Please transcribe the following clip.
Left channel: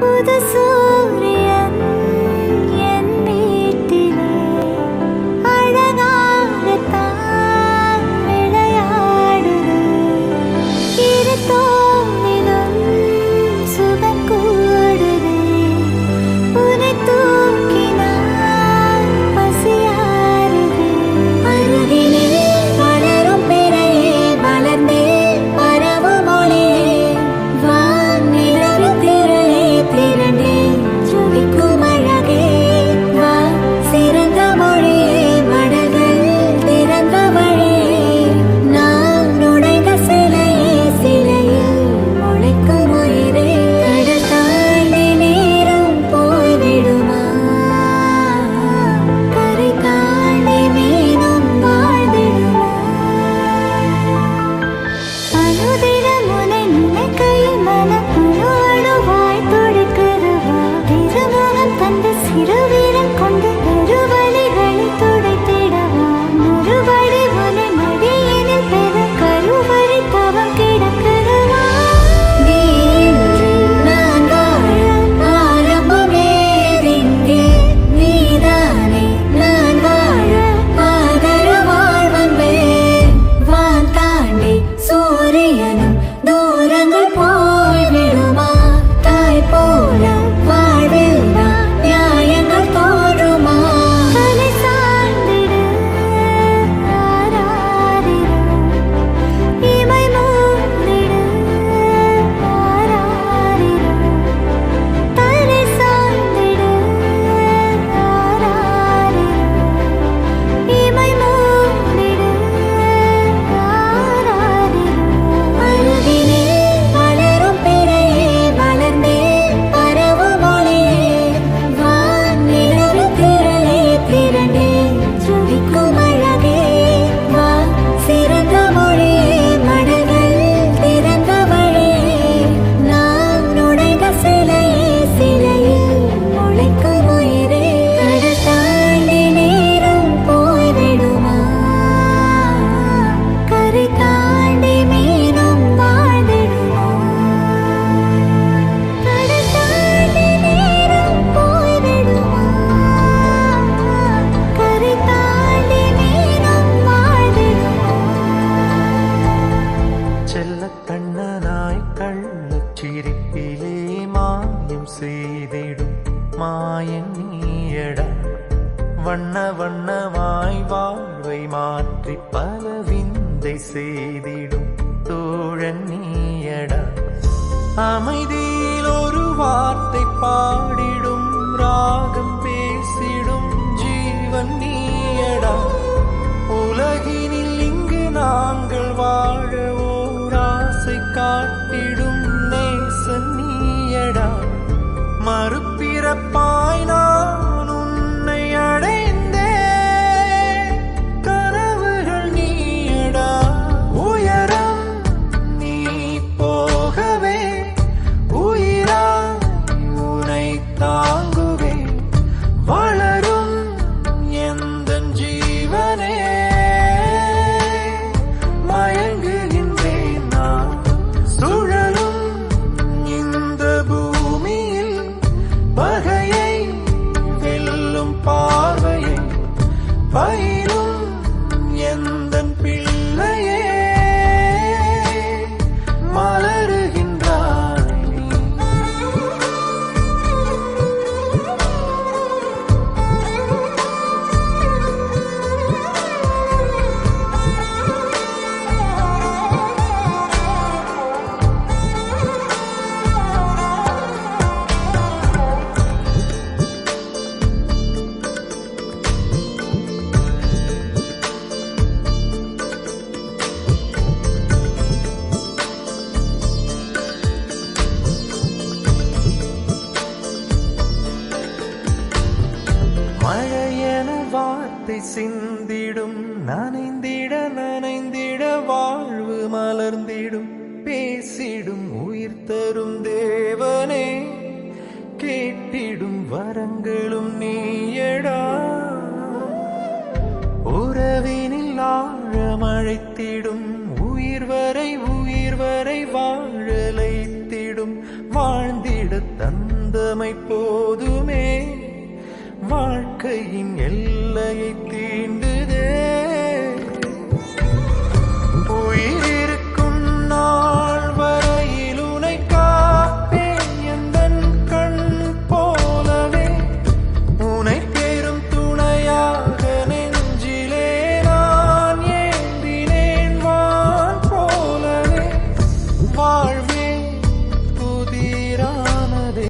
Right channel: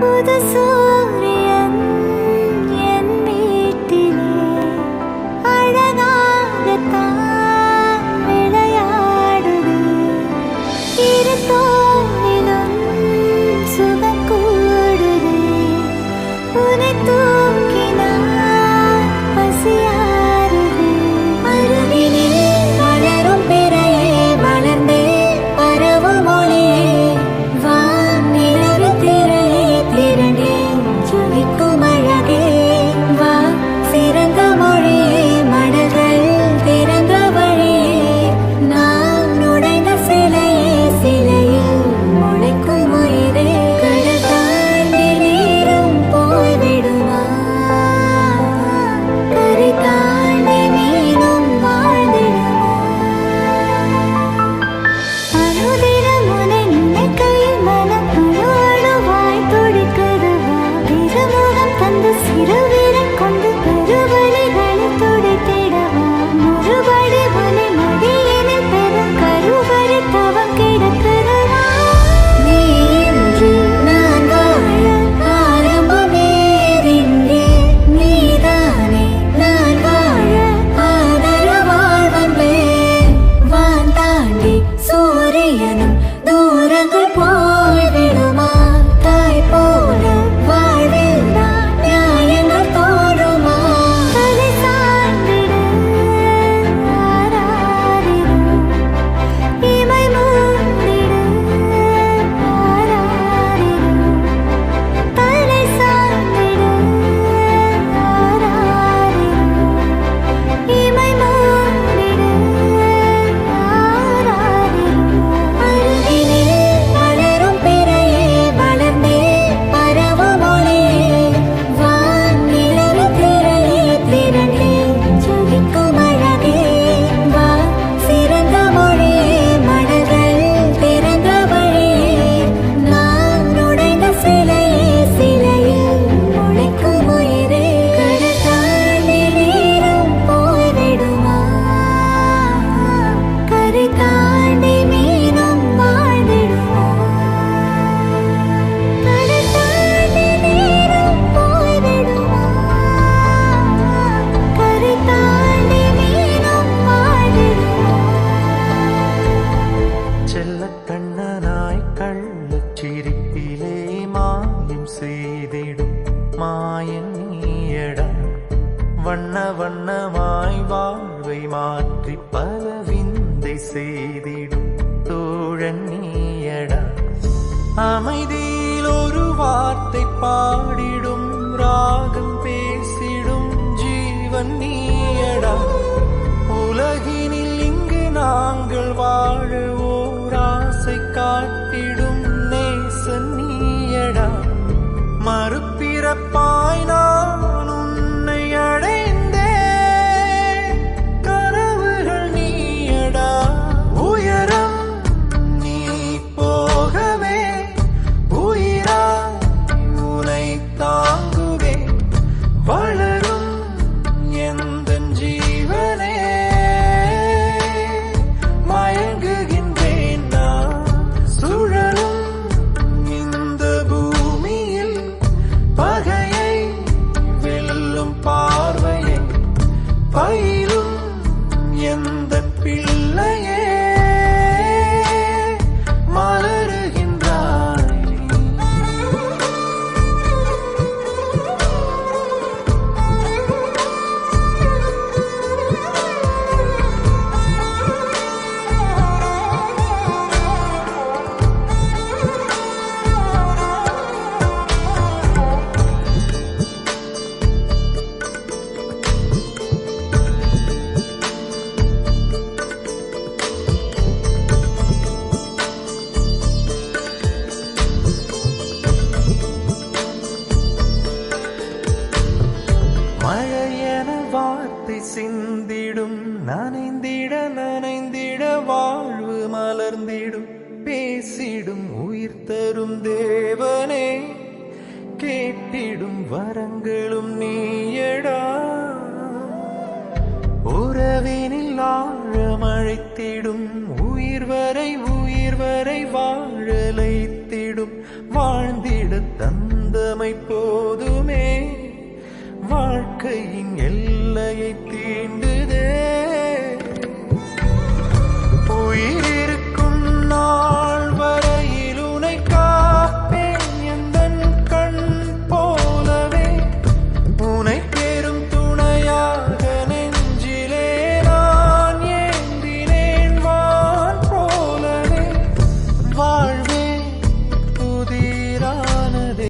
புது சூரியன் என் வீட்டிலே அழகாகத்தான் விளையாடுதே. இரு தோளிலும் சுகம் கூடுதே. உன்னை தூக்கினால் பசியாறுதே. அருகினில் வளரும் பிறையே வளர்ந்தே பரவும் ஒளியே. வானிலவின் திரளே திரண்டே ஜொலிக்கும் அழகே. வா சிறந்த மொழியே மடல்கள் திறந்த வழியே. நான் உடைந்த சிலையே சிலையில் முளைக்கும் உயிரே. கடல் தாண்டி நீரும் போய்விடுமா? கரை தாண்டி மீனும் வாழ்ந்திடுமா? அனுதினம் உன்னை நினைக்கையில் மனம் அணு அணுவாய் துடிக்குதுவா. திருமுகம் தந்து சிறு வீரன் கொண்டு பெருவலிகளை துடைத்திடவா. மறுபடி உன்னை மடியினில் பெற கருவறை தவம் கிடக்குதுவா. நீ இன்றி நான் வாழ ஆரம்பமே எங்கே? நீதானே நான் வாழ ஆதரவாய் வந்தேன். வான் தாண்டி சூரியனும் தூரங்கள் போய்விடுமா? தாய் போல வாழ்வில் நான் நியாயங்கள் தோன்றுமா? தலை சாய்ந்திடு ஆராரிரோ. இமை மூடிடு ஆராரிரோ. தலை சாய்ந்திடு ஆராரிரோ. இமை மூடிடு ஆராரிரோ. அருகினில் வளரும் பிறையே வளர்ந்தே பரவும் ஒளியே. வானிலவின் திரளே திரண்டே ஜொலிக்கும் அழகே. வா சிறந்த மொழியே மடல்கள் திறந்த வழியே. நான் உடைந்த சிலையே சிலையில் முளைக்கும் உயிரே. கடல் தாண்டி நீரும் போய்விடுமா? கரை தாண்டி மீனும் வாழ்ந்திடுமா? கடல் தாண்டி நீரும் போய்விடுமா? கரை தாண்டி மீனும் வாழ்ந்திடுமா? செல்ல கண்ணனாய் கள்ளச் சிரிப்பிலே மாயம் செய்திடும் மாயன் நீயடா. வண்ண வண்ணமாய் வாழ்வை மாற்றி பல விந்தை செய்திடும் தோழன் நீயடா. அமைதியில் ஒரு வார்த்தை பாடிடும் ராகம் பேசிடும் ஜீவன் நீயடா. உலகினில் இங்கு நாங்கள் வாழ ஓர் ஆசை காட்டிடும் நேசன் நீயடா. மறுபிறப்பாய் நான் உன்னை அடைந்தேன். கனவுகள் நீயடா. உயரம் நீ போகவே உயிராய் உனை தாங்குவே. வளரும் எந்தன் ஜீவனே மயங்குகின்றேன் நான். சுழலும் இந்த பூமியில் பகையை வெல்லும் பார்வையை பயிரும் எந்தன் பிள்ளையே மலருகின்றாய் நீ. மழையென வார்த்தை சிந்திடும் நனைந்திட நனைந்திட வாழ்வு மலர்ந்திடும். பேசிடும் உயிர் தரும் தேவனே கேட்டிடும் வரங்களும் நீயடா. உறவினில் ஆழமழைத்திடும் உயிர் வரை வாழலைத்திடும் வாழ்ந்திட தந்தமை போதுமே வாழ்க்கையின் எல்லையை தீண்டுதே